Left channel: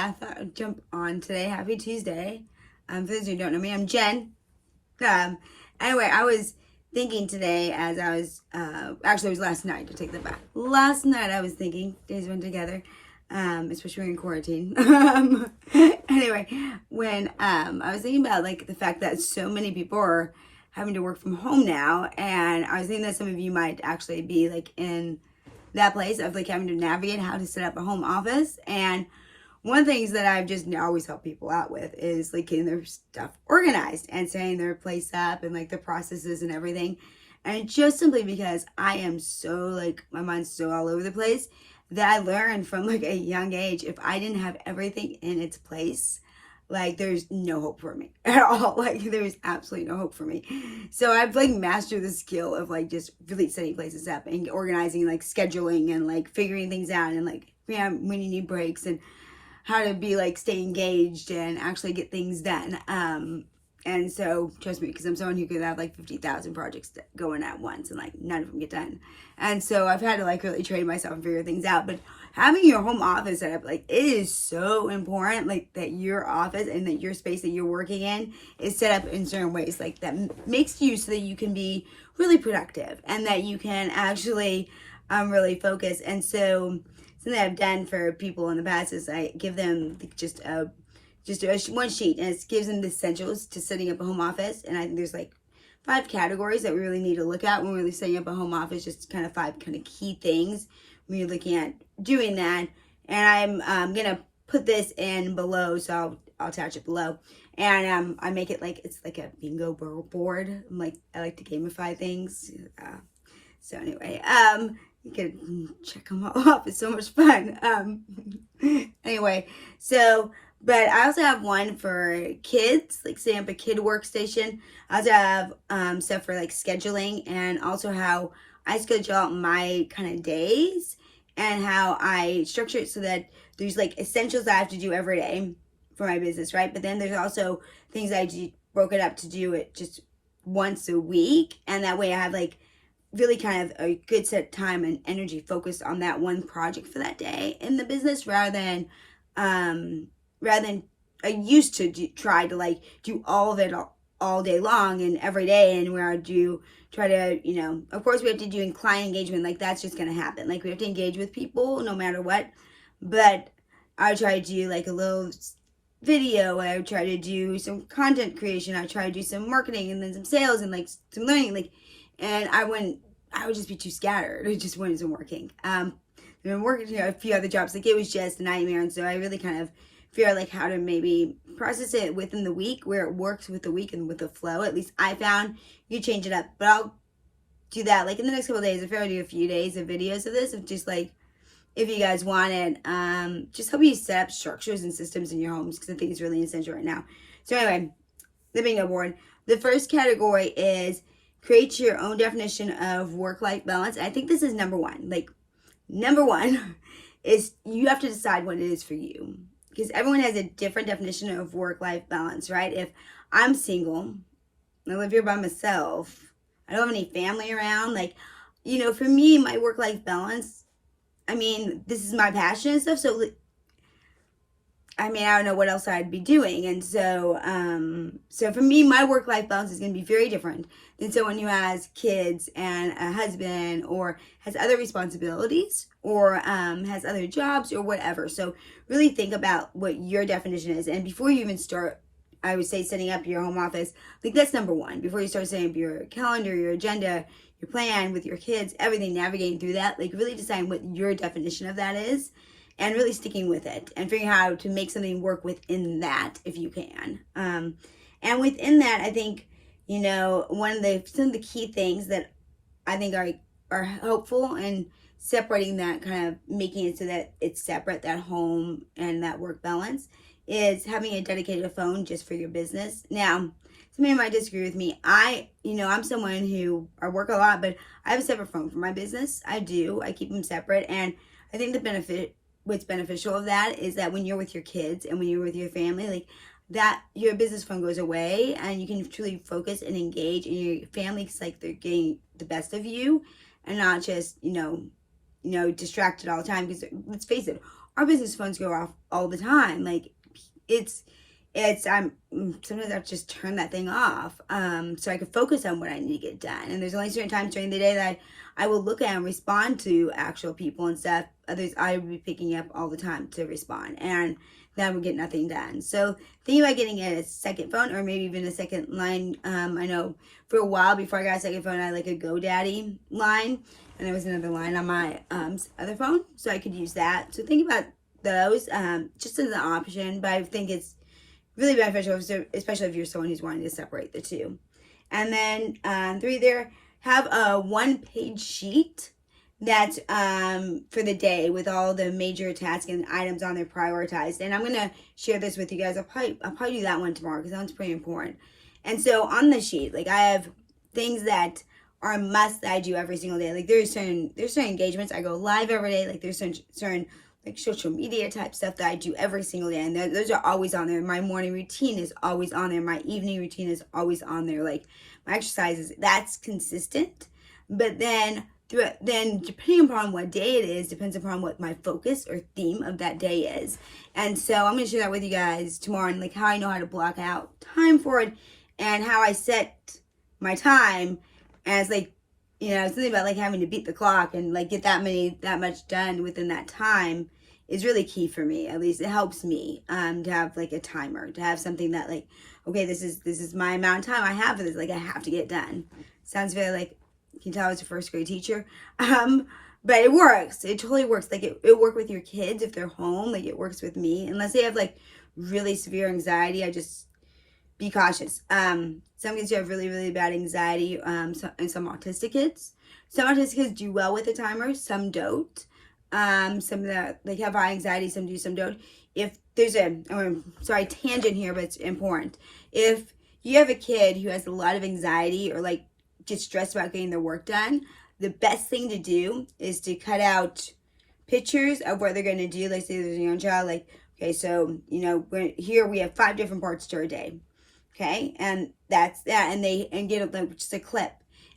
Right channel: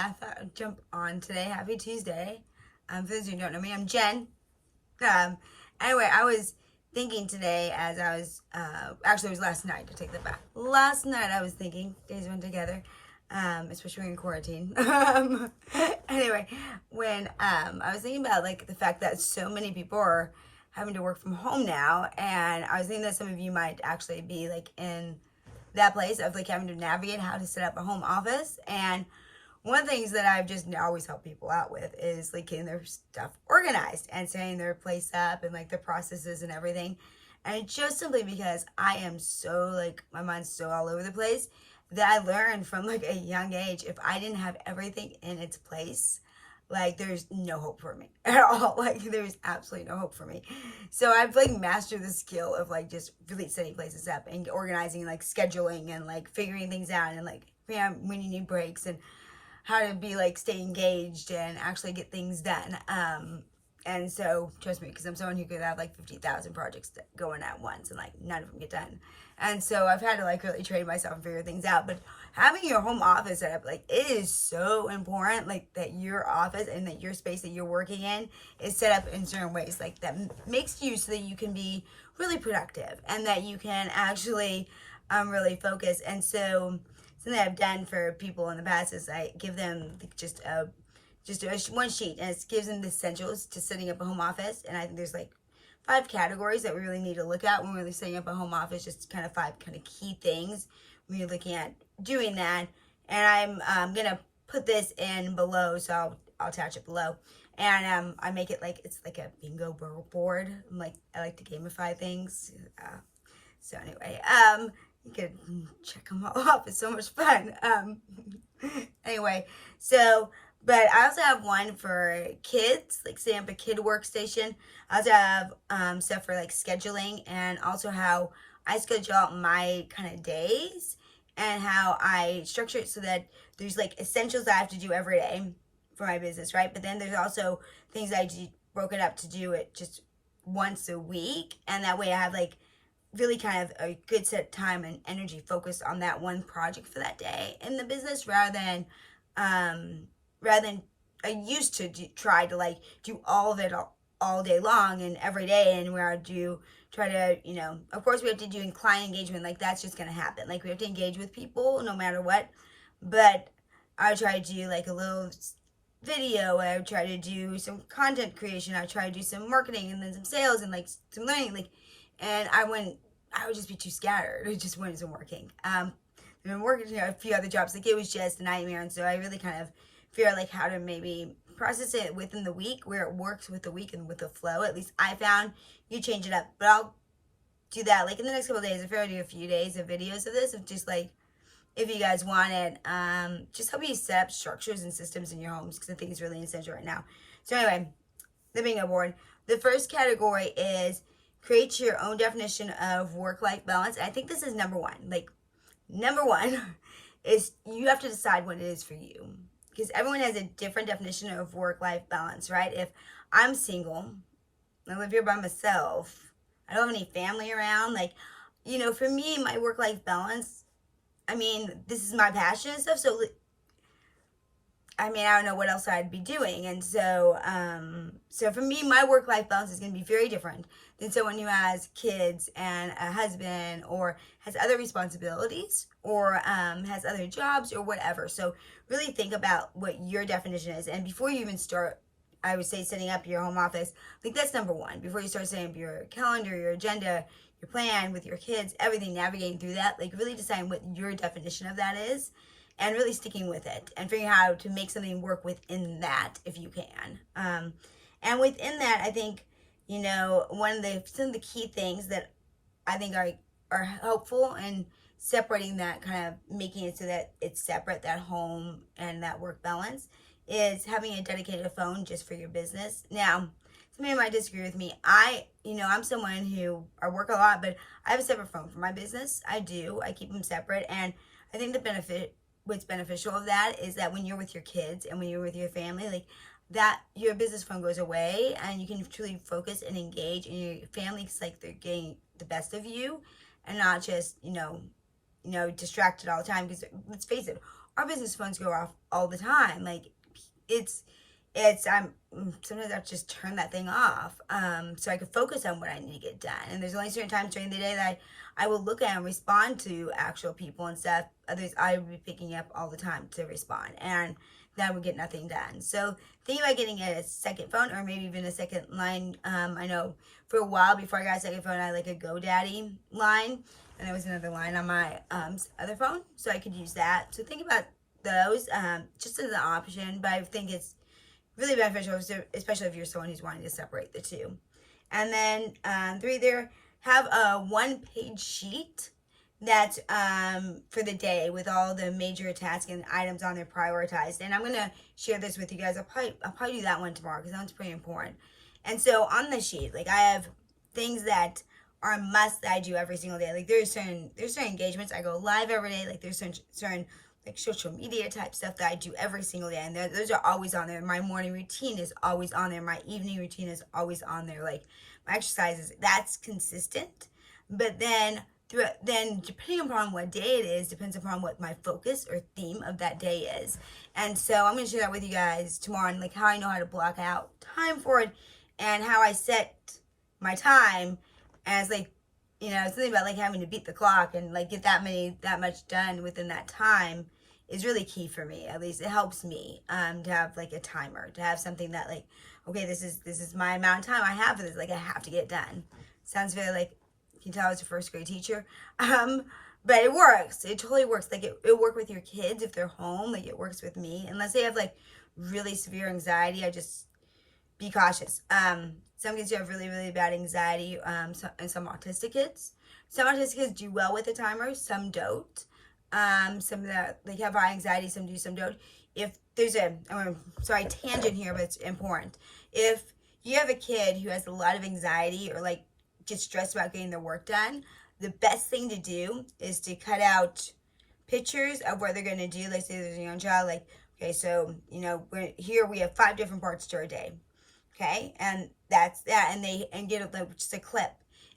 I thought I'd jump on today. Happy Tuesday. For those who don't know me, I'm Jen. Anyway, I was thinking today as I was, actually it was last night, to take that back. Last night I was thinking, days went together, especially when you're in quarantine. Anyway, when I was thinking about like the fact that so many people are having to work from home now, and I was thinking that some of you might actually be like in that place of like having to navigate how to set up a home office. And one of the things that I've just always helped people out with is like getting their stuff organized and setting their place up and like the processes and everything. And just simply because I am so like, my mind's so all over the place, that I learned from like a young age, if I didn't have everything in its place, like there's no hope for me at all. Like there's absolutely no hope for me. So I've like mastered the skill of like just really setting places up and organizing, like scheduling and like figuring things out and like when you need breaks and how to be like stay engaged and actually get things done. And so trust me, because I'm someone who could have like 50,000 projects going at once and like none of them get done. And so I've had to like really train myself and figure things out. But having your home office set up, like it is so important, like that your office and that your space that you're working in is set up in certain ways, like that makes you so that you can be really productive and that you can actually really focus. And so something I've done for people in the past is I give them just one sheet, and it gives them the essentials to setting up a home office. And I think there's like 5 categories that we really need to look at when we're really setting up a home office, just kind of 5 kind of key things when you're looking at doing that. And I'm gonna put this in below, so I'll attach it below. And I make it like it's like a bingo board. I like to gamify things. So anyway, you can check them all off. It's so much fun. Anyway, but I also have one for kids, like setting up a kid workstation. I also have stuff for like scheduling, and also how I schedule out my kind of days and how I structure it so that there's like essentials that I have to do every day for my business, right? But then there's also things I broke it up to do it just once a week, and that way I have like really kind of a good set time and energy focused on that one project for that day in the business, rather than I used to try to like do all of it all day long and every day, and where I do try to, of course we have to do client engagement, like that's just going to happen. Like we have to engage with people no matter what, but I try to do like a little video, I would try to do some content creation, I try to do some marketing and then some sales and like some learning, like, and I would just be too scattered. It just wasn't working. I've been working a few other jobs, like it was just a nightmare. And so I really kind of figure like how to maybe process it within the week where it works with the week and with the flow. At least I found you change it up, but I'll do that like in the next couple of days. If I do a few days of videos of this, of just like, if you guys want it, just help you set up structures and systems in your homes, because I think it's really essential right now. So anyway, the bingo board. The first category is create your own definition of work-life balance. I think this is number one. Like, number one is you have to decide what it is for you, because everyone has a different definition of work-life balance, right? If I'm single, I live here by myself, I don't have any family around, like, for me, my work-life balance, this is my passion and stuff, so I don't know what else I'd be doing. And so for me, my work-life balance is going to be very different than someone who has kids and a husband, or has other responsibilities, or has other jobs or whatever. So really think about what your definition is. And before you even start, I would say setting up your home office, like that's number one. Before you start setting up your calendar, your agenda, your plan with your kids, everything, navigating through that, like really deciding what your definition of that is, and really sticking with it and figuring out how to make something work within that if you can. And within that, I think, some of the key things that I think are helpful in separating that, kind of making it so that it's separate, that home and that work balance, is having a dedicated phone just for your business. Now, somebody might disagree with me. I'm someone who, I work a lot, but I have a separate phone for my business. I keep them separate. And I think what's beneficial of that is that when you're with your kids and when you're with your family, like that, your business phone goes away and you can truly focus and engage, and your family's like they're getting the best of you, and not just distracted all the time, because let's face it, our business phones go off all the time. Like I'm sometimes I have to just turn that thing off, so I can focus on what I need to get done. And there's only certain times during the day that I will look at and respond to actual people and stuff. Others I will be picking up all the time to respond, and that would get nothing done. So thinking about getting a second phone, or maybe even a second line. I know for a while before I got a second phone, I had like a GoDaddy line, and there was another line on my other phone, so I could use that. So think about those just as an option, but I think it's really beneficial, especially if you're someone who's wanting to separate the two. And then 3 there, have a 1-page sheet that's for the day with all the major tasks and items on there prioritized. And I'm gonna share this with you guys. I'll probably do that one tomorrow, because that one's pretty important. And so on the sheet, like, I have things that are a must that I do every single day. Like there's certain engagements I go live every day. Like there's certain like social media type stuff that I do every single day, and those are always on there. My morning routine is always on there. My evening routine is always on there. Like my exercises, that's consistent. But then depending upon what day it is, depends upon what my focus or theme of that day is. And so I'm going to share that with you guys tomorrow, and like how I know how to block out time for it, and how I set my time as like, something about like having to beat the clock and like get that much done within that time is really key for me. At least it helps me to have like a timer, to have something that like, okay, this is my amount of time I have for this. Like I have to get done. Sounds very like, you can tell I was a first grade teacher. But it works. It totally works. Like it work with your kids if they're home. Like it works with me. Unless they have like really severe anxiety, I just be cautious. Some kids have really, really bad anxiety, and some autistic kids. Some autistic kids do well with a timer, some don't. Some that like have high anxiety, some do, some don't. If there's tangent here, but it's important. If you have a kid who has a lot of anxiety or like gets stressed about getting their work done, the best thing to do is to cut out pictures of what they're going to do. Like say there's a young child, like, okay, so, here we have 5 different parts to our day. Okay, and that's that, and get like just a clip,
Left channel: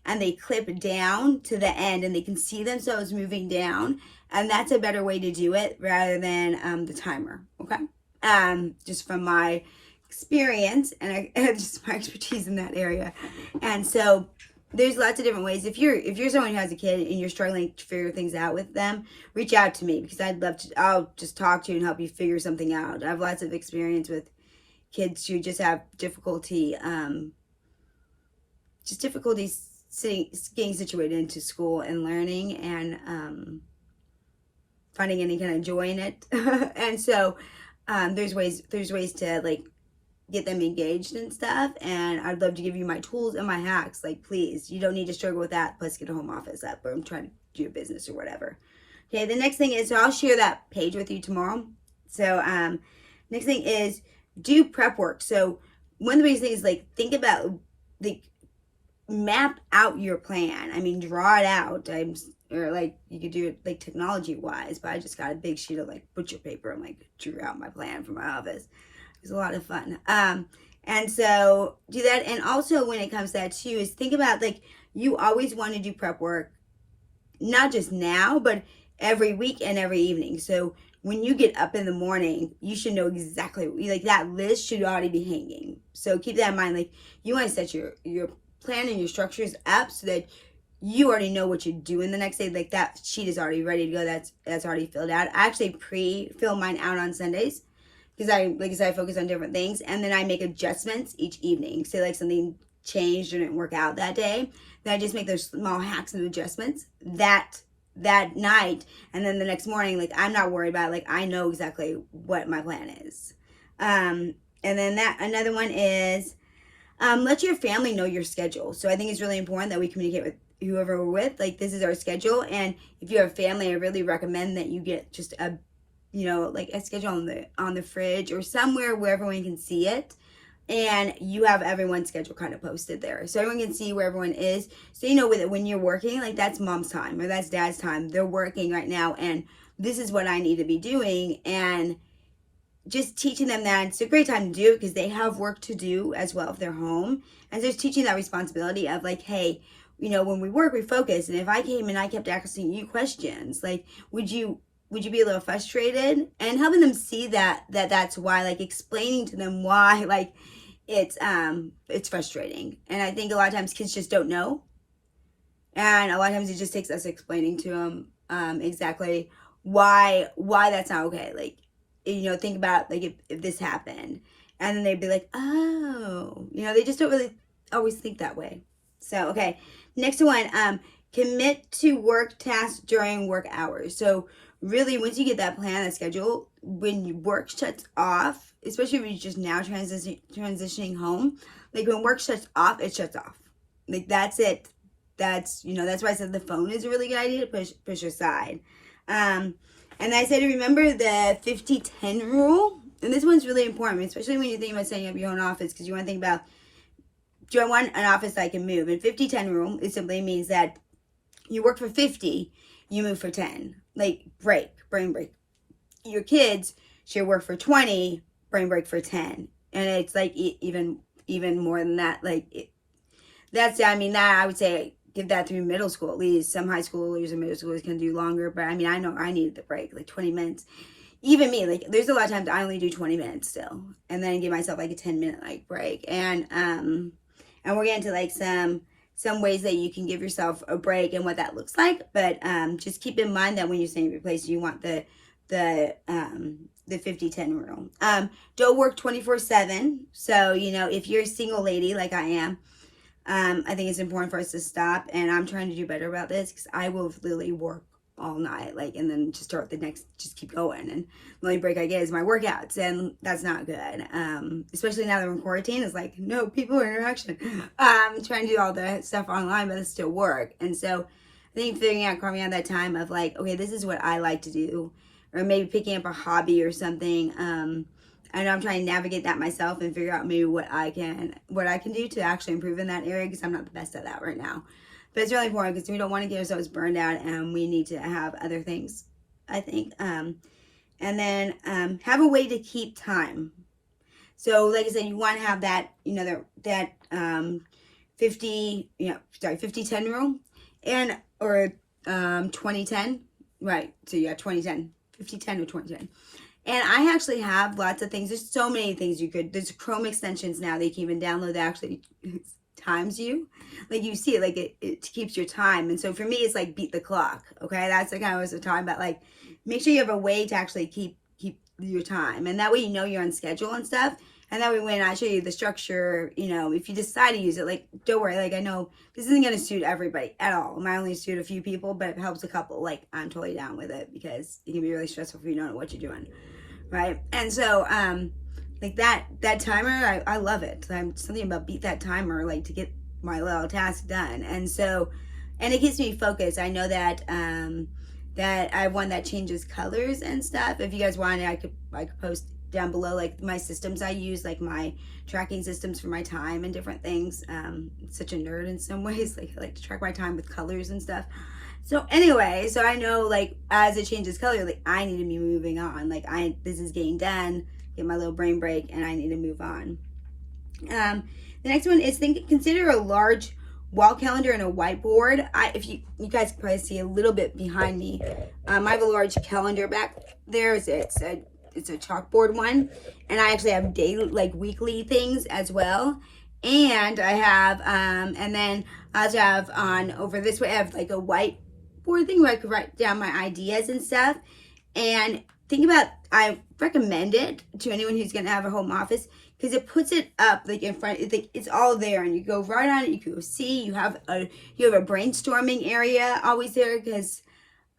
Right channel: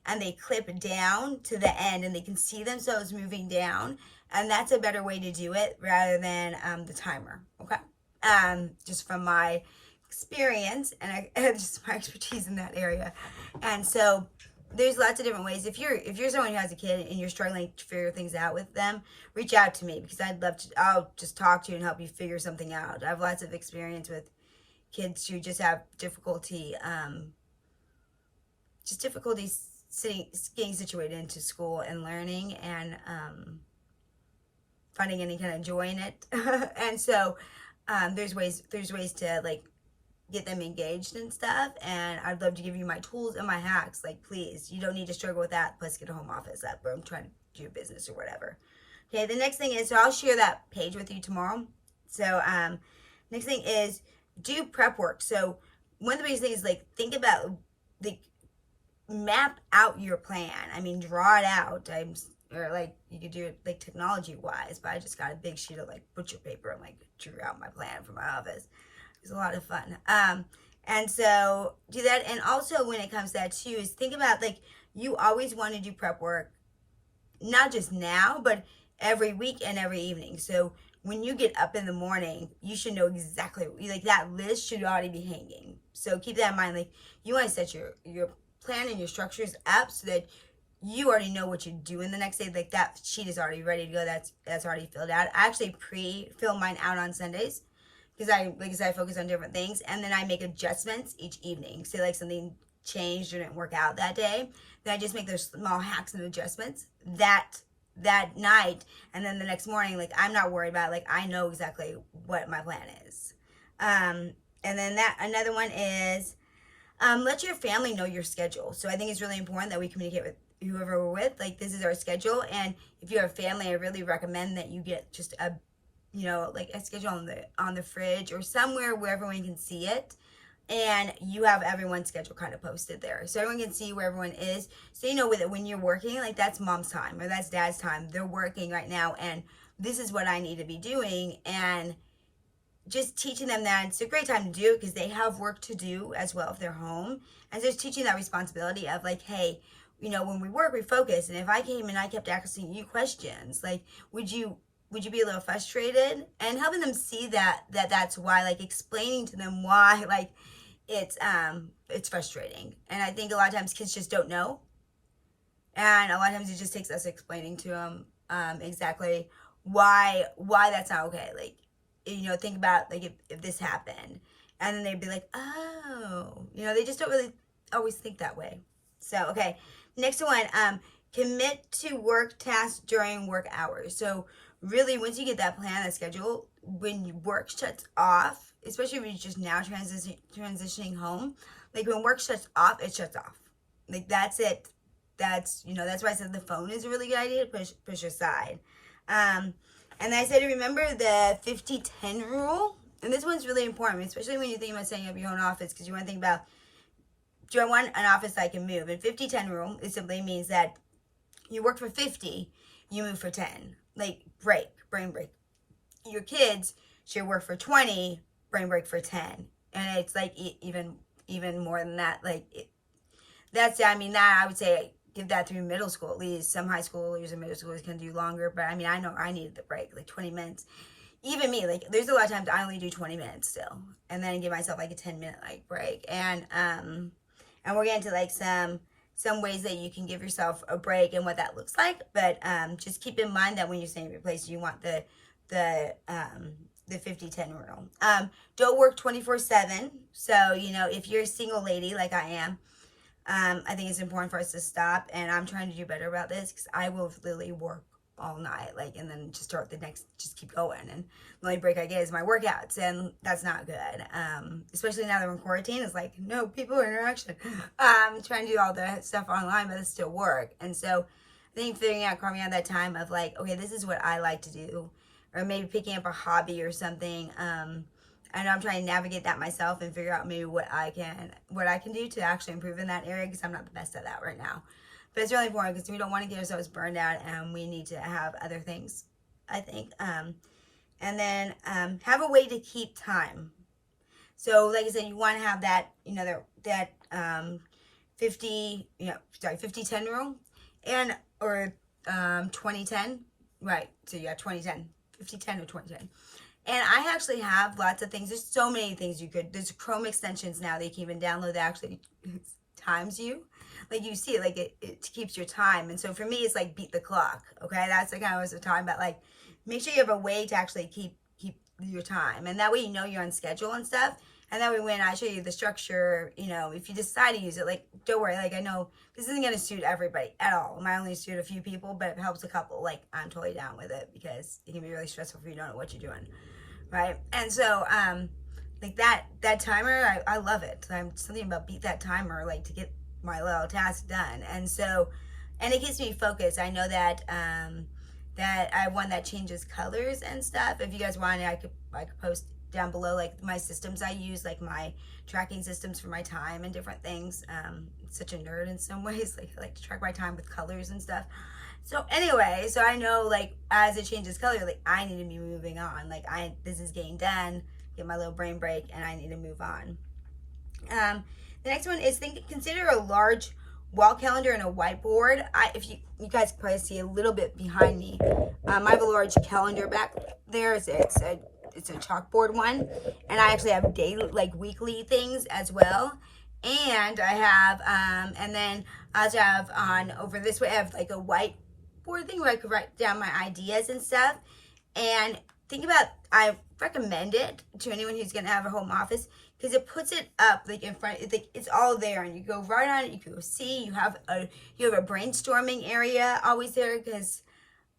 and they clip down to the end, and they can see themselves moving down, and that's a better way to do it rather than the timer. Okay, just from my experience and just my expertise in that area. And so there's lots of different ways. If you're someone who has a kid and you're struggling to figure things out with them, reach out to me, because I'll just talk to you and help you figure something out. I have lots of experience with kids who just have difficulty getting situated into school and learning and finding any kind of joy in it. And so there's ways to like get them engaged and stuff, and I'd love to give you my tools and my hacks. Like, please, you don't need to struggle with that, plus get a home office up, or I'm trying to do a business or whatever. Okay, the next thing is, so I'll share that page with you tomorrow. So next thing is do prep work. So one of the biggest things is like think about, like, map out your plan. I mean, draw it out. Or like you could do it like technology wise, but I just got a big sheet of like butcher paper and like drew out my plan for my office. It was a lot of fun. And so do that. And also when it comes to that too, is think about like, you always want to do prep work, not just now, but every week and every evening. So when you get up in the morning, you should know exactly, like that list should already be hanging. So keep that in mind. Like you want to set your plan and your structures up so that you already know what you're doing the next day. Like that sheet is already ready to go. That's already filled out. I actually pre-fill mine out on Sundays because I focus on different things, and then I make adjustments each evening. So like something changed or didn't work out that day, then I just make those small hacks and adjustments that night, and then the next morning, like I'm not worried about it. Like I know exactly what my plan is. And then another one is let your family know your schedule. So I think it's really important that we communicate with whoever we're with. Like this is our schedule, and if you have family, I really recommend that you get just a schedule on the fridge or somewhere where everyone can see it, and you have everyone's schedule kind of posted there so everyone can see where everyone is. So with it, when you're working, like that's mom's time or that's dad's time, they're working right now, and this is what I need to be doing. And just teaching them that it's a great time to do it because they have work to do as well if they're home. And so just teaching that responsibility of like, hey, when we work, we focus. And if I came and I kept asking you questions, like, would you be a little frustrated? And helping them see that's why, like explaining to them why, like it's frustrating. And I think a lot of times kids just don't know. And a lot of times it just takes us explaining to them exactly why that's not okay. Like, think about like if this happened, and then they'd be like, oh, they just don't really always think that way. So, okay, next one, commit to work tasks during work hours. So really, once you get that plan, that schedule, when your work shuts off, especially when you're just now transitioning home, like when work shuts off, it shuts off. Like that's it. That's why I said the phone is a really good idea to push aside. And I said to remember the 50-10 rule. And this one's really important, especially when you think about setting up your own office, because you want to think about, do I want an office I can move? And 50-10 rule, it simply means that you work for 50, you move for 10. Like brain break. Your kids should work for 20, brain break for 10. And it's like even more than that. Like that I would say give that through middle school at least. Some high schoolers and middle schoolers can do longer, but I know I needed the break, like 20 minutes. Even me, like there's a lot of times I only do 20 minutes still, and then give myself like a 10-minute like break. And we're getting to like some ways that you can give yourself a break and what that looks like. But just keep in mind that when you're staying at your place, you want the 50-10 rule. Don't work 24/7. So if you're a single lady like I am, I think it's important for us to stop, and I'm trying to do better about this, because I will literally work all night, like, and then just start just keep going, and the only break I get is my workouts, and that's not good. Especially now that we're in quarantine, it's like no people interaction. Trying to do all the stuff online, but it's still work. And so I think carving out that time of like, okay, this is what I like to do, or maybe picking up a hobby or something. I know I'm trying to navigate that myself and figure out maybe what I can do to actually improve in that area, because I'm not the best at that right now. But it's really important, because we don't want to get ourselves burned out, and we need to have other things, I think. And then have a way to keep time. So like I said, you want to have that, that 50-10 rule, and or 20-10, right? So yeah, 20-10, 50-10 or 20-10. And I actually have lots of things. There's so many things there's Chrome extensions now that you can even download that actually times you. Like you see it, like it keeps your time. And so for me, it's like beat the clock. Okay. That's the kind of what I was talking about. Like make sure you have a way to actually keep your time. And that way, you're on schedule and stuff. And that way when I show you the structure, if you decide to use it, like, don't worry. Like I know this isn't going to suit everybody at all. It might only suit a few people, but it helps a couple. Like I'm totally down with it, because it can be really stressful if you don't know what you're doing. Right. And so, like that timer, I love it. I'm something about beat that timer, like to get my little task done. And so, and it keeps me focused. I know that, that I have one that changes colors and stuff. If you guys want it, I could post down below, like my systems I use, like my tracking systems for my time and different things. Such a nerd in some ways. Like I like to track my time with colors and stuff. So anyway, so I know like as it changes color, like I need to be moving on. Like this is getting done, get my little brain break, and I need to move on. The next one is consider a large wall calendar and a whiteboard. If you guys can probably see a little bit behind me, I have a large calendar back there. It's a chalkboard one, and I actually have daily, like weekly things as well. And I have, and then I also have over this way, I have like a whiteboard thing where I could write down my ideas and stuff. And I recommend it to anyone who's going to have a home office, because it puts it up like in front. It's all there, and you go right on it. You can go see. You have a brainstorming area always there, because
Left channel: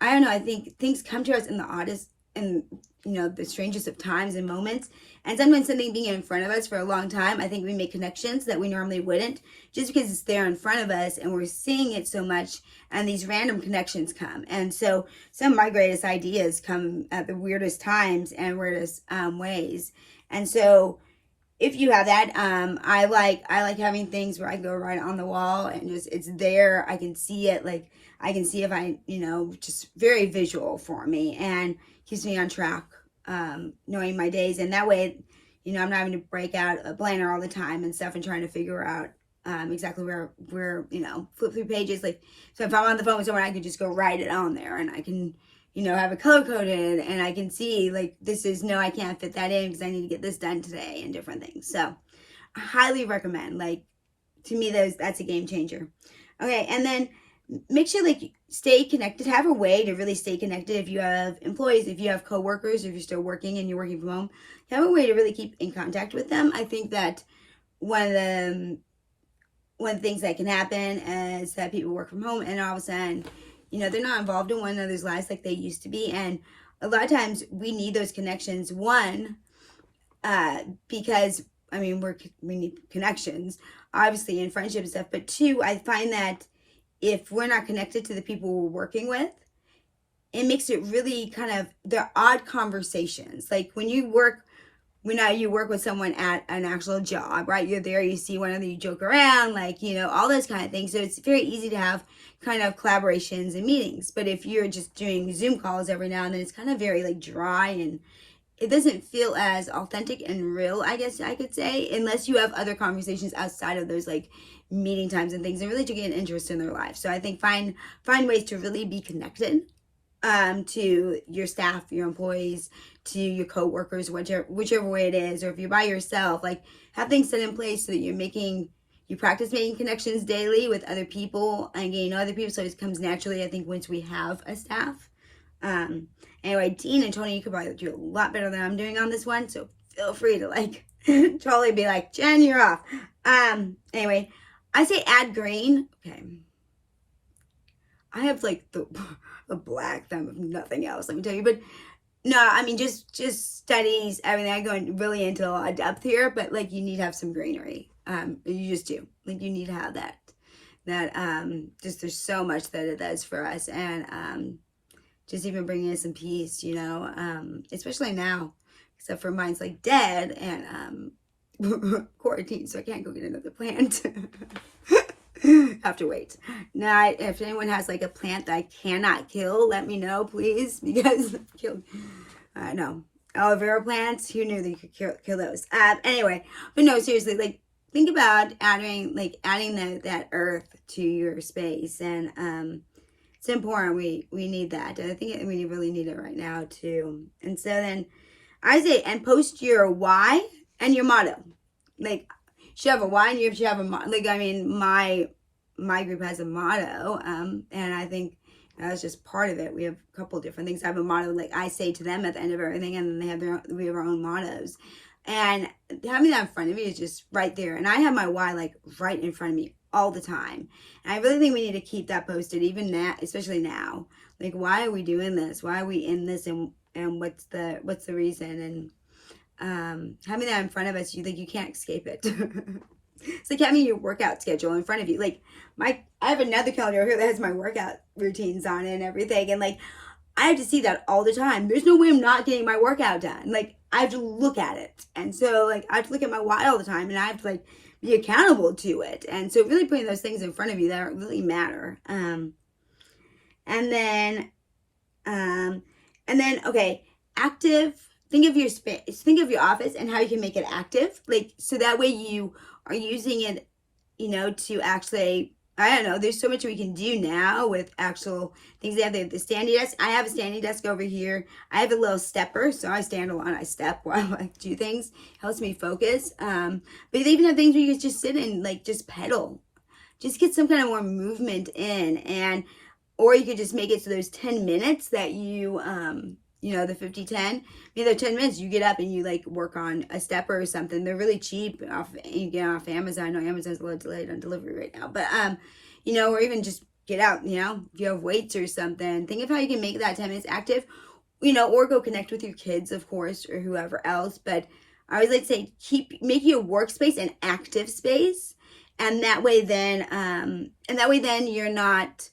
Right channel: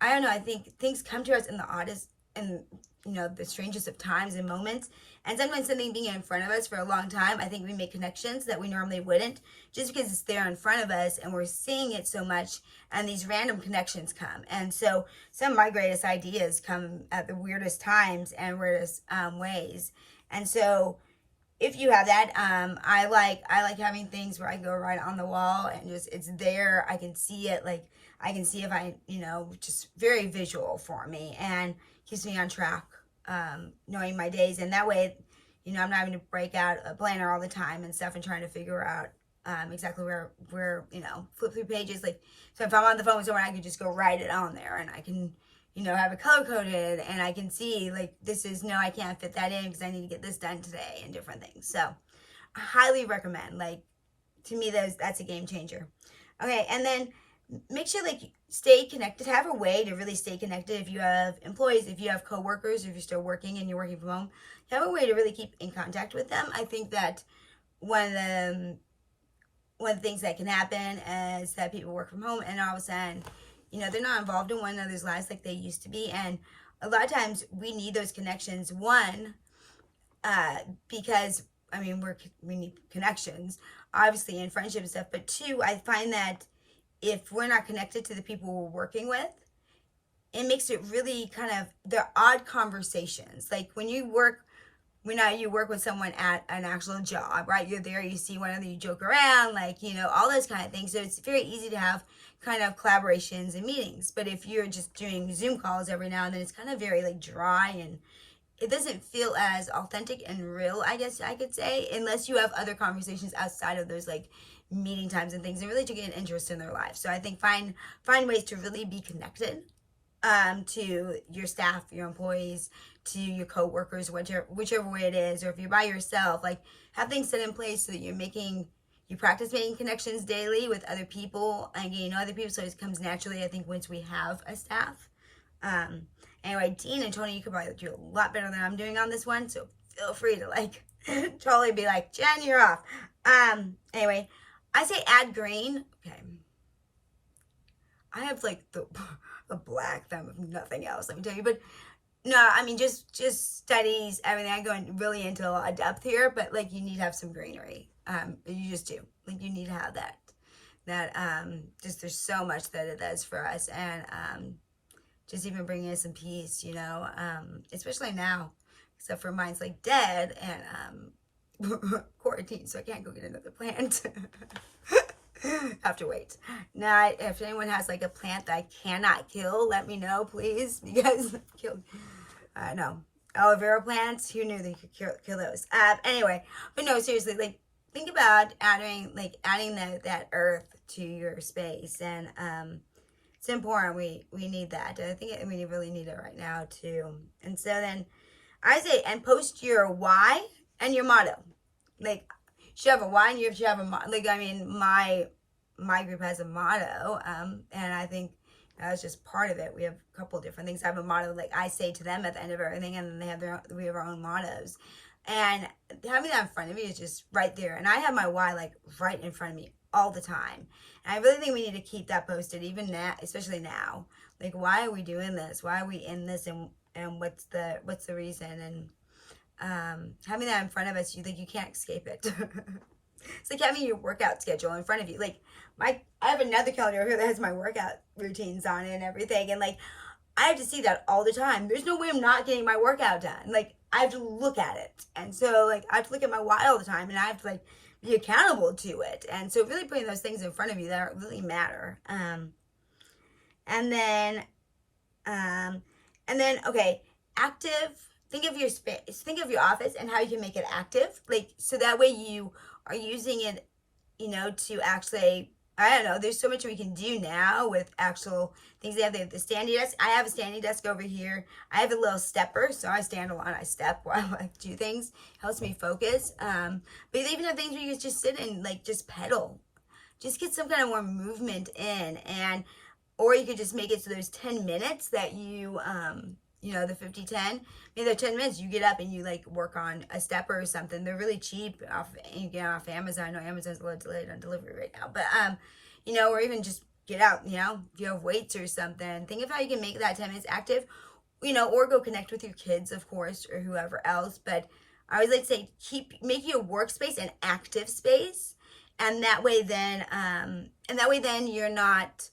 I don't know. I think things come to us in the oddest and the strangest of times and moments. And sometimes something being in front of us for a long time, I think we make connections that we normally wouldn't, just because it's there in front of us and we're seeing it so much, and these random connections come. And so some of my greatest ideas come at the weirdest times and weirdest ways. And so if you have that, I like having things where I go right on the wall and just, it's there. I can see it. Like I can see if just very visual for me, and keeps me on track, knowing my days. And that way, I'm not having to break out a planner all the time and stuff and trying to figure out exactly where, flip through pages. Like, so if I'm on the phone with someone, I can just go write it on there, and I can, have it color coded, and I can see like, this is, no, I can't fit that in because I need to get this done today, and different things. So I highly recommend, like, to me, that's a game changer. Okay. And then make sure, like, stay connected, have a way to really stay connected. If you have employees, if you have coworkers, if you're still working and you're working from home, have a way to really keep in contact with them. I think that one of the things that can happen is that people work from home, and all of a sudden, they're not involved in one another's lives like they used to be. And a lot of times we need those connections. One, because we need connections, obviously, in friendship and stuff. But two, I find that if we're not connected to the people we're working with, it makes it really they're odd conversations. Like when you work with someone at an actual job, right? You're there, you see one another, you joke around, like, all those kind of things. So it's very easy to have kind of collaborations and meetings. But if you're just doing Zoom calls every now and then, it's kind of very like dry, and it doesn't feel as authentic and real, I guess I could say, unless you have other conversations outside of those like meeting times and things, and really to get an interest in their life. So I think find ways to really be connected to your staff, your employees, to your coworkers, whichever way it is. Or if you're by yourself, like, have things set in place so that you practice making connections daily with other people and getting to know other people, so it comes naturally, I think, once we have a staff. Anyway, Dean and Tony, you could probably do a lot better than I'm doing on this one, so feel free to like totally be like, Jen, you're off. Anyway, I say add green. Okay. I have like the black thumb of nothing else, let me tell you. But no, just studies, everything. I go really into a lot of depth here, but like, you need to have some greenery. You just do. Like, you need to have that. Just, there's so much that it does for us. And just even bringing in some peace, especially now, except for mine's like dead and quarantine, so I can't go get another plant. Have to wait. Now, if anyone has like a plant that I cannot kill, let me know, please, because no, aloe vera plants, who knew that you could kill those? Anyway, but no, seriously, like, think about adding that earth to your space, and it's important. We need that. I think we really need it right now too. And so then I say, and post your why and your motto. Like, you should have a why and you should have a motto. Like, my group has a motto, and I think that's just part of it. We have a couple different things. I have a motto, like I say to them at the end of everything, and then we have our own mottos. And having that in front of you is just right there. And I have my why like right in front of me all the time. And I really think we need to keep that posted, even now, especially now. Like, why are we doing this? Why are we in this? And what's the reason? And having that in front of us, you can't escape it. It's like having your workout schedule in front of you. Like, I have another calendar here that has my workout routines on it and everything. And like, I have to see that all the time. There's no way I'm not getting my workout done. Like, I have to look at it. And so like, I have to look at my why all the time, and I have to like be accountable to it. And so really putting those things in front of you that really matter. And then, okay, active. Think of your space, think of your office and how you can make it active. Like, so that way you are using it, to actually, I don't know, there's so much we can do now with actual things. They have the standing desk. I have a standing desk over here. I have a little stepper, so I stand a lot, I step while I do things. Helps me focus. But they even have things where you can just sit and like just pedal. Just get some kind of more movement in, or you could just make it so there's 10 minutes that you, the 50-10, they're 10 minutes, you get up and you like work on a stepper or something. They're really cheap you get off Amazon. I know Amazon's a little delayed on delivery right now, but, or even just get out, if you have weights or something, think of how you can make that 10 minutes active, or go connect with your kids, of course, or whoever else. But I always like to say, make your workspace an active space. And that way then you're not,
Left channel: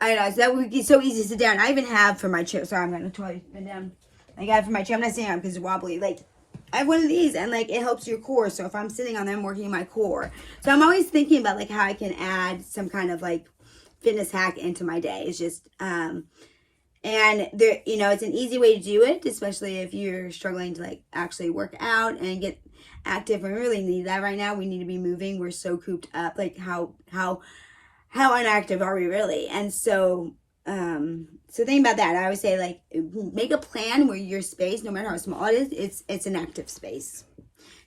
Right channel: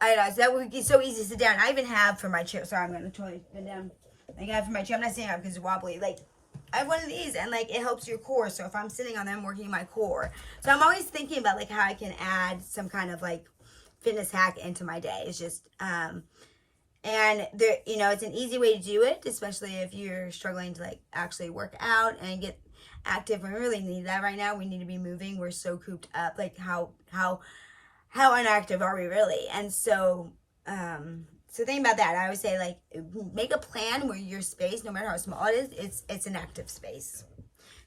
I don't know, so that would be so easy to sit down. I even have for my chair, sorry, I'm going to totally sit down. I got it for my chair. I'm not sitting on it because it's wobbly. Like, I have one of these, and like, it helps your core. So if I'm sitting on them, I'm working my core. So I'm always thinking about like how I can add some kind of like fitness hack into my day. It's just, and there, it's an easy way to do it, especially if you're struggling to like actually work out and get active. We really need that right now. We need to be moving. We're so cooped up. Like how inactive are we really? And so so think about that. I would say, like, make a plan where your space, no matter how small it is, it's an active space.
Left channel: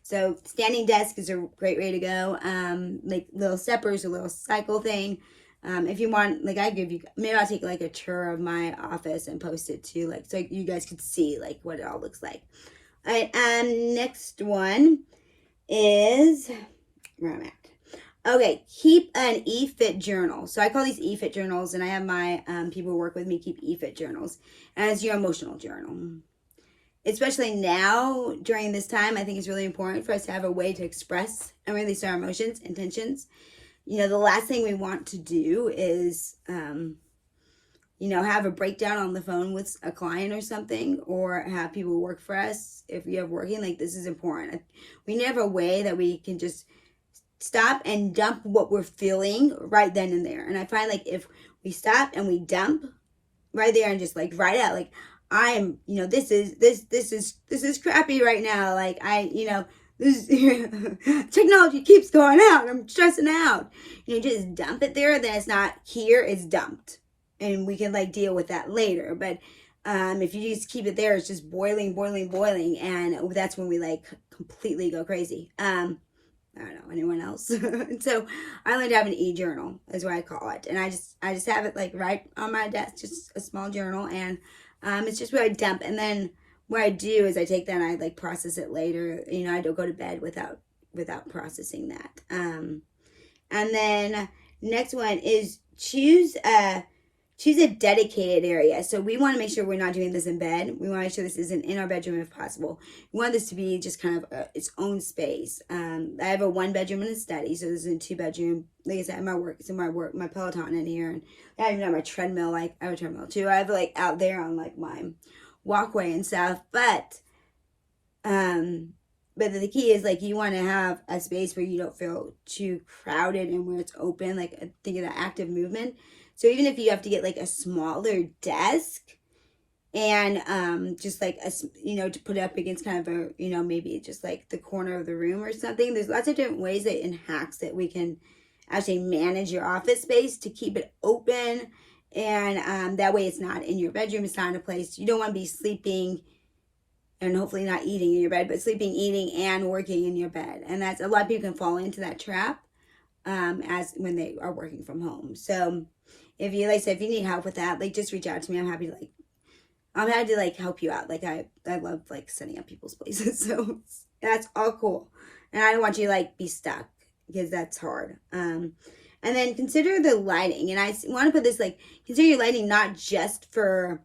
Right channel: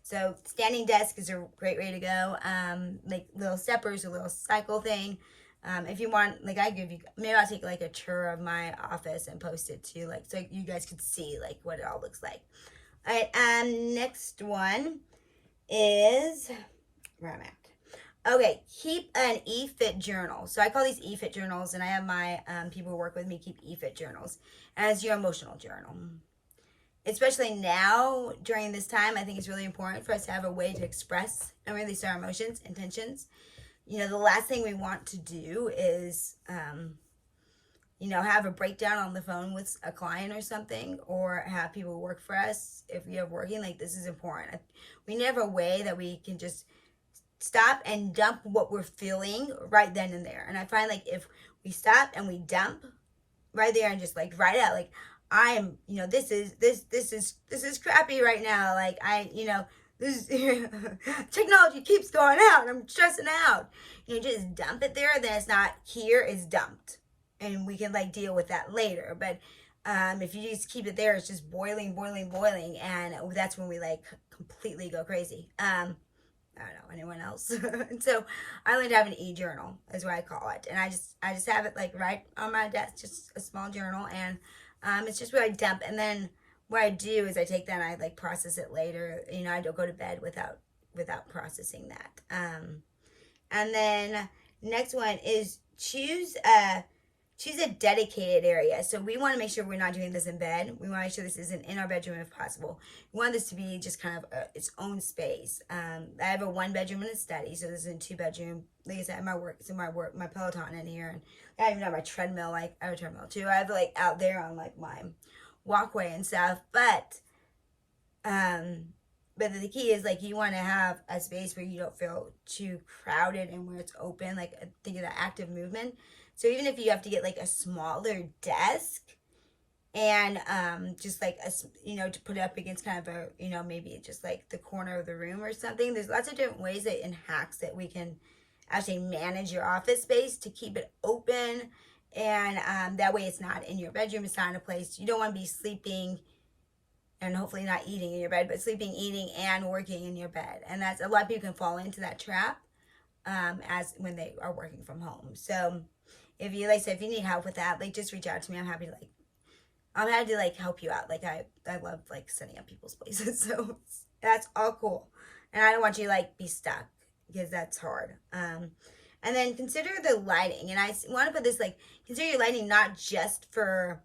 So standing desk is a great way to go. Like little steppers, a little cycle thing. If you want, like, maybe I'll take like a tour of my office and post it too, like, so you guys could see like what it all looks like. All right, next one is where I'm at. Okay, keep an e-fit journal. So I call these e-fit journals, and I have my people who work with me keep e-fit journals, and it's your emotional journal. Especially now during this time, I think it's really important for us to have a way to express and release our emotions, intentions. You know, the last thing we want to do is, you know, have a breakdown on the phone with a client or something, or have people work for us. If we have working, like, this is important. We need to have a way that we can just stop and dump what we're feeling right then and there. And I find, like, if we stop and we dump right there and just like write out, like, I am, you know, this is crappy right now. Like, this technology keeps going out. I'm stressing out. You know, just dump it there. Then it's not here, it's dumped. And we can like deal with that later. But if you just keep it there, it's just boiling. And that's when we like completely go crazy. I don't know, anyone else? So I learned to have an e-journal is what I call it. And I just have it like right on my desk, just a small journal. And it's just where I dump. And then what I do is I take that and I like process it later. You know, I don't go to bed without processing that. And then next one is choose a dedicated area. So we want to make sure we're not doing this in bed. We want to make sure this isn't in our bedroom if possible. We want this to be just kind of its own space. I have a 1-bedroom and a study, so this is a 2-bedroom. Like I said, my Peloton in here, and I even have my treadmill. Like, I have a treadmill too. I have like out there on like my walkway and stuff. But the key is, like, you want to have a space where you don't feel too crowded and where it's open. Like, think of that active movement. So even if you have to get like a smaller desk and just like to put it up against kind of a, maybe just like the corner of the room or something, there's lots of different ways and hacks that we can actually manage your office space to keep it open. And that way it's not in your bedroom. It's not in a place you don't want to be sleeping and hopefully not eating in your bed, but sleeping, eating, and working in your bed. And that's, a lot of people can fall into that trap as when they are working from home. So if you need help with that, like, just reach out to me. I'm happy to help you out. Like, I love like setting up people's places. So that's all cool. And I don't want you to like be stuck, because that's hard. And then consider the lighting. And I want to put this, like, consider your lighting not just for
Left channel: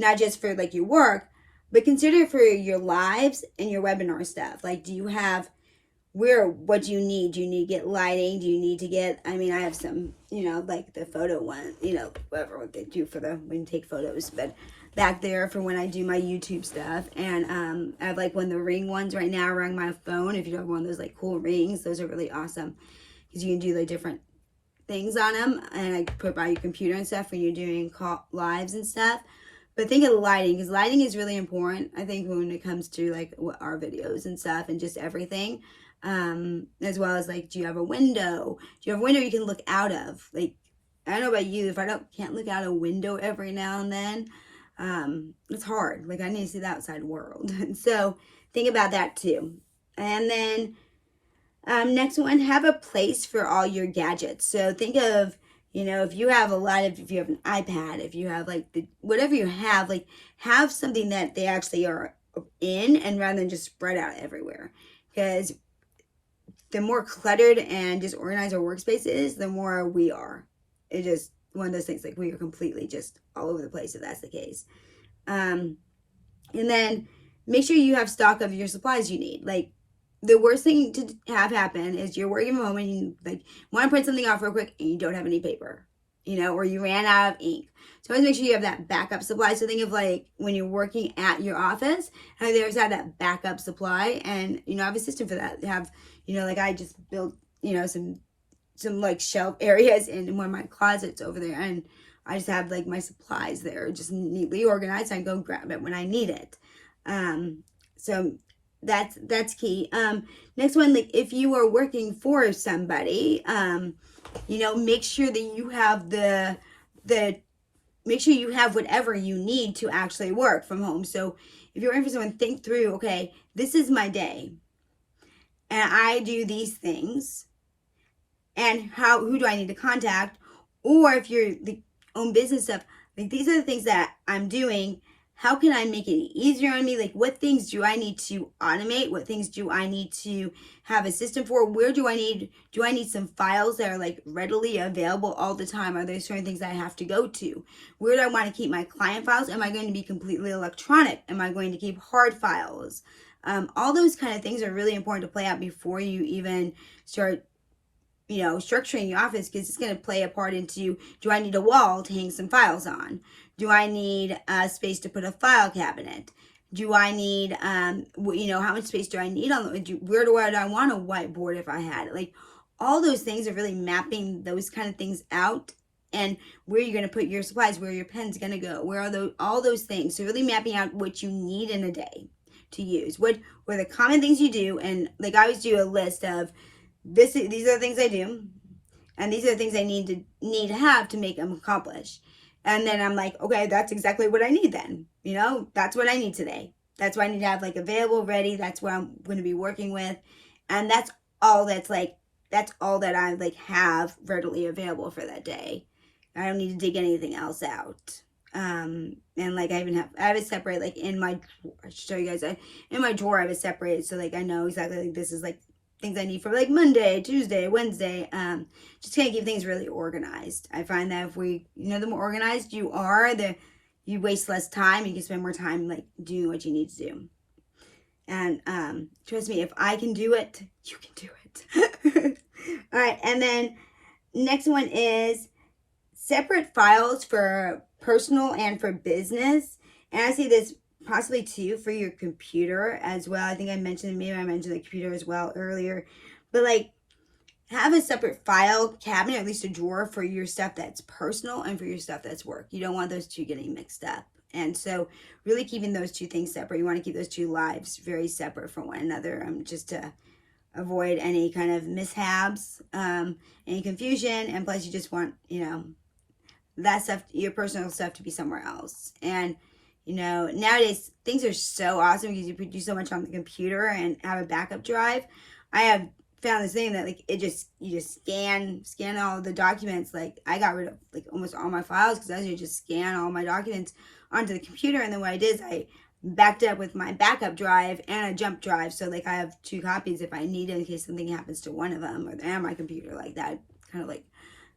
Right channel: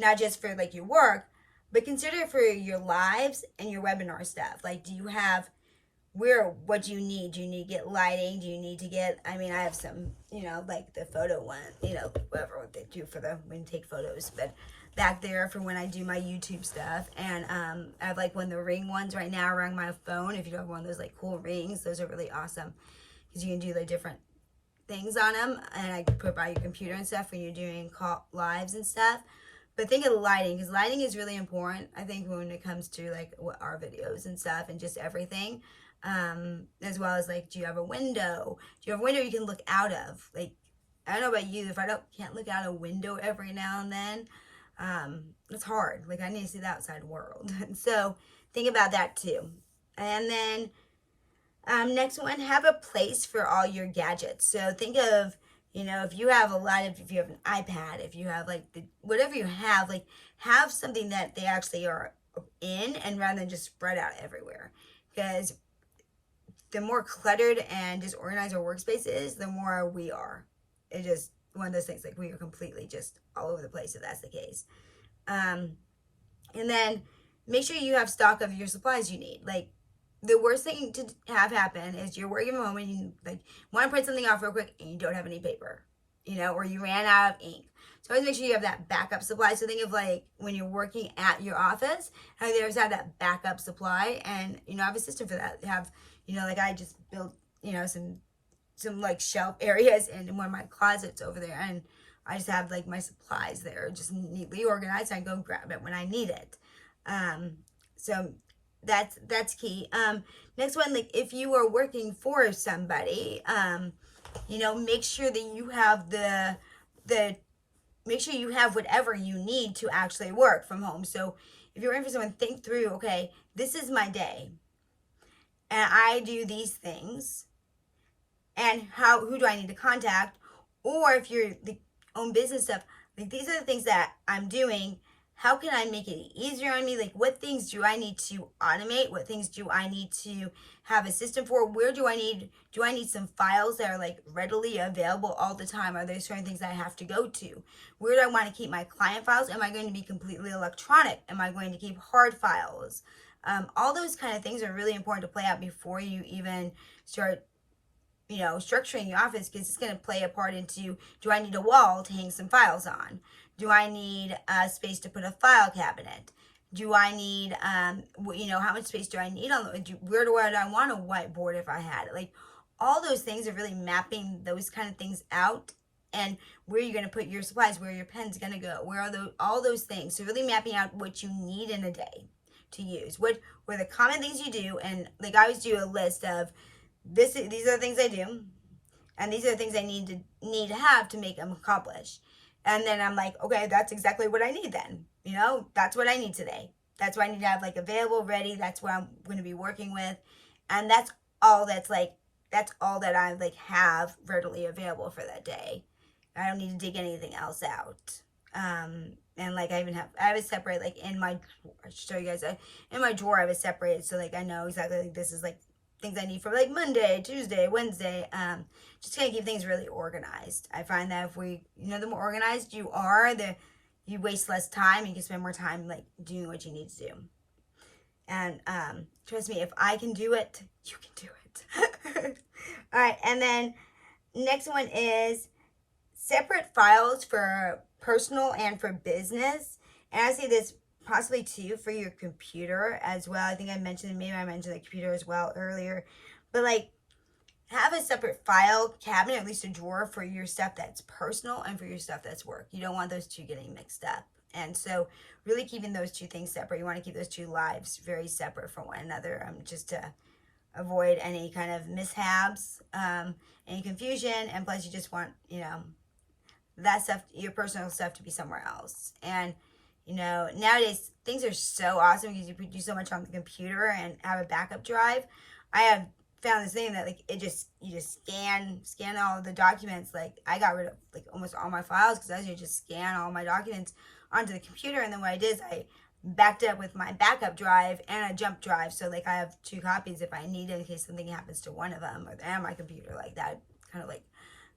like your work, but consider it for your lives and your webinar stuff. Like, do you have what do you need? Do you need to get lighting? Do you need to get, I have some, like the photo one, whatever what they do for when you take photos, but back there for when I do my YouTube stuff. And I have like one of the ring ones right now around my phone. If you have one of those like cool rings, those are really awesome because you can do like different things on them, and I put by your computer and stuff when you're doing lives and stuff. But think of the lighting, because lighting is really important, I think, when it comes to like our videos and stuff and just everything. As well as like, do you have a window? Do you have a window you can look out of? Like, I don't know about you, if I can't look out a window every now and then, it's hard. Like, I need to see the outside world. So think about that too. And then next one, have a place for all your gadgets. So think of, if you have if you have an iPad, if you have like whatever you have, like, have something that they actually are in, and rather than just spread out everywhere. Because the more cluttered and disorganized our workspace is, the more we are. It's just one of those things, like, we are completely just all over the place if that's the case. And then make sure you have stock of your supplies you need. Like, the worst thing to have happen is you're working from home and you like want to print something off real quick and you don't have any paper, or you ran out of ink. So always make sure you have that backup supply. So think of like when you're working at your office, how they always have that backup supply, and I have a system for that. They have, like, I just built, some like shelf areas in one of my closets over there, and I just have like my supplies there, just neatly organized. I go grab it when I need it. So that's key. Next one, like if you are working for somebody, make sure that you have make sure you have whatever you need to actually work from home. So if you're working for someone, think through, okay, this is my day and I do these things, and who do I need to contact? Or if you're the own business stuff, like these are the things that I'm doing. How can I make it easier on me? Like what things do I need to automate? What things do I need to have a system for? Where do I need some files that are like readily available all the time? Are there certain things that I have to go to? Where do I want to keep my client files? Am I going to be completely electronic? Am I going to keep hard files? All those kind of things are really important to play out before you even start structuring your office, because it's going to play a part into, do I need a wall to hang some files on? Do I need a space to put a file cabinet? Do I need, how much space do I need where do I want a whiteboard if I had it? Like all those things are really mapping those kind of things out, and where you're going to put your supplies, where your pen's going to go, where are all those things. So really mapping out what you need in a day to use. What are the common things you do? And like I always do a list of, these are the things I do, and these are the things I need to have to make them accomplish. And then I'm like, okay, that's exactly what I need then. That's what I need today. That's what I need to have like available, ready. That's what I'm going to be working with. And that's all that I like have readily available for that day. I don't need to dig anything else out. And like I have it separate, like in my drawer. I should show you guys. In my drawer I have it separated, so like I know exactly, like this is like things I need for like Monday, Tuesday, Wednesday. Just kind of keep things really organized. I find that if the more organized you are, you waste less time. You can spend more time like doing what you need to do. And trust me, if I can do it, you can do it. All right, and then next one is separate files for personal and for business. And I see this possibly too for your computer as well. I think I mentioned the computer as well earlier, but like have a separate file cabinet, at least a drawer for your stuff that's personal and for your stuff that's work. You don't want those two getting mixed up. And so really keeping those two things separate. You want to keep those two lives very separate from one another, just to avoid any kind of mishaps, any confusion. And plus you just want, that stuff, your personal stuff, to be somewhere else. And nowadays things are so awesome because you can do so much on the computer and have a backup drive. I have found this thing that like you just scan all the documents. Like I got rid of like almost all my files because I usually just scan all my documents onto the computer, and then what I did is I backed up with my backup drive and a jump drive, so like I have two copies if I need it in case something happens to one of them and my computer, like that kind of like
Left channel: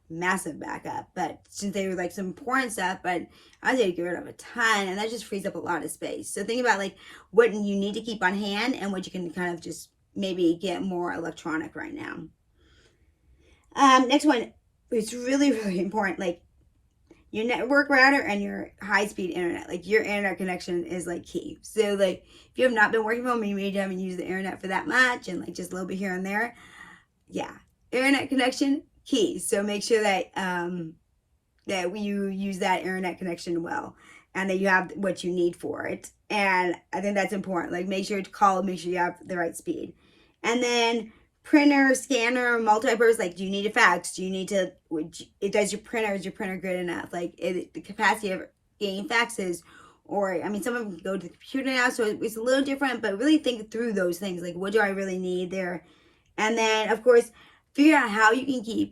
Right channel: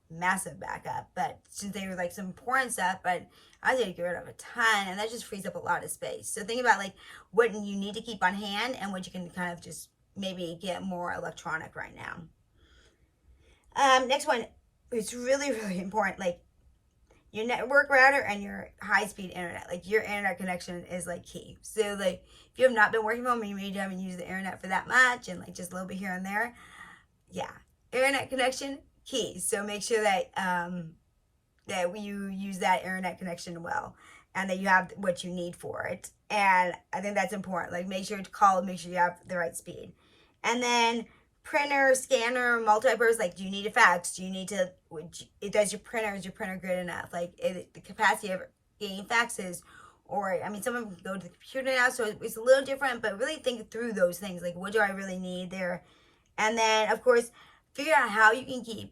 massive backup. But since they were like some important stuff, but I was able to get rid of a ton, and that just frees up a lot of space. So think about like what you need to keep on hand and what you can kind of just maybe get more electronic right now. Next one, it's really, really important, like your network router and your high-speed internet. Like your internet connection is like key. So like if you have not been working from home and you maybe haven't used the internet for that much and like just a little bit here and there, yeah, internet connection key. So make sure that that you use that internet connection well, and that you have what you need for it. And I think that's important. Like make sure to call, make sure you have the right speed. And then printer, scanner, multi-purpose. Like, do you need a fax? Do you need to? Is your printer good enough? Like the capacity of getting faxes, or I mean, some of them go to the computer now, so it's a little different. But really think through those things. Like, what do I really need there? And then, of course, figure out how you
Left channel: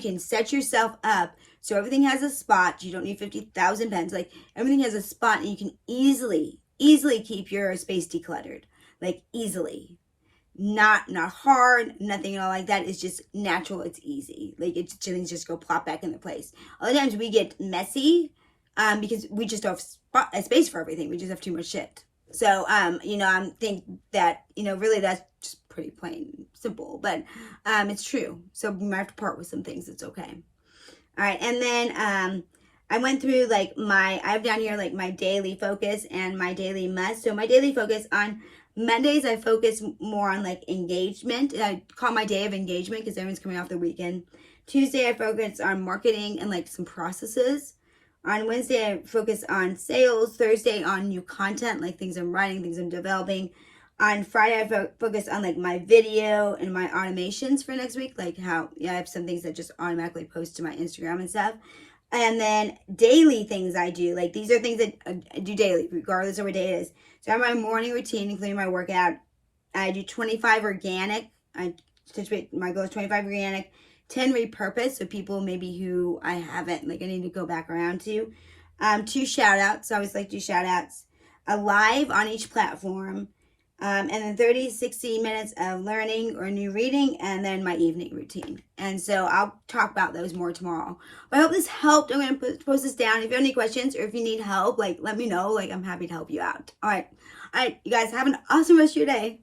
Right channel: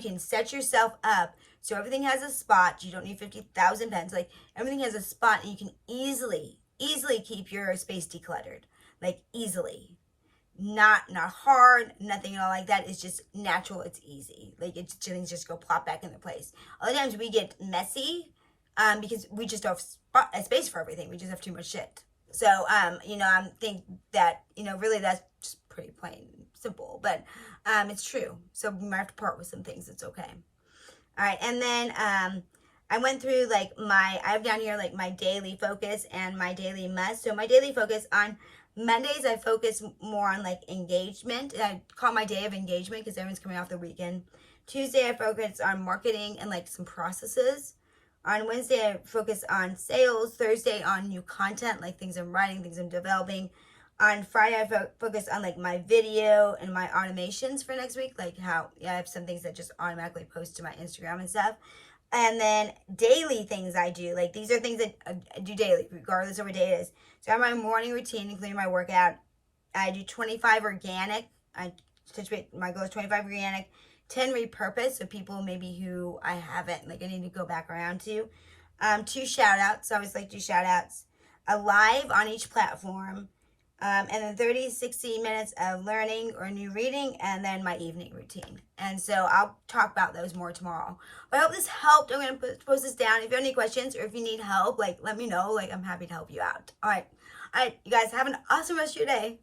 can set yourself up so everything has a spot. You don't need 50,000 pens. Like everything has a spot, and you can easily keep your space decluttered. Like easily. Not hard, nothing at all like that. It's just natural. It's easy. Like things just go plop back into place. A lot of times we get messy because we just don't have space for everything. We just have too much shit. So I think that really that's just pretty plain simple, but it's true. So we might have to part with some things. It's okay. All right, and then I went through like I have down here like my daily focus and my daily must. So my daily focus on Mondays, I focus more on like engagement. I call my day of engagement because everyone's coming off the weekend. Tuesday, I focus on marketing and like some processes. On Wednesday, I focus on sales. Thursday, on new content, like things I'm writing, things I'm developing. On Friday, I focus on like my video and my automations for next week. Like how, I have some things that just automatically post to my Instagram and stuff. And then daily things I do. Like these are things that I do daily, regardless of what day it is. So I have my morning routine, including my workout. I do 25 organic. My goal is 25 organic, 10 repurpose. So people maybe who I haven't, like I need to go back around to. 2 shout outs. I always like to do shout outs. A live on each platform. And then 30, 60 minutes of learning or new reading, and then my evening routine. And so I'll talk about those more tomorrow. But I hope this helped. I'm going to post this down. If you have any questions or if you need help, like let me know. Like I'm happy to help you out. All right. You guys have an awesome rest of your day.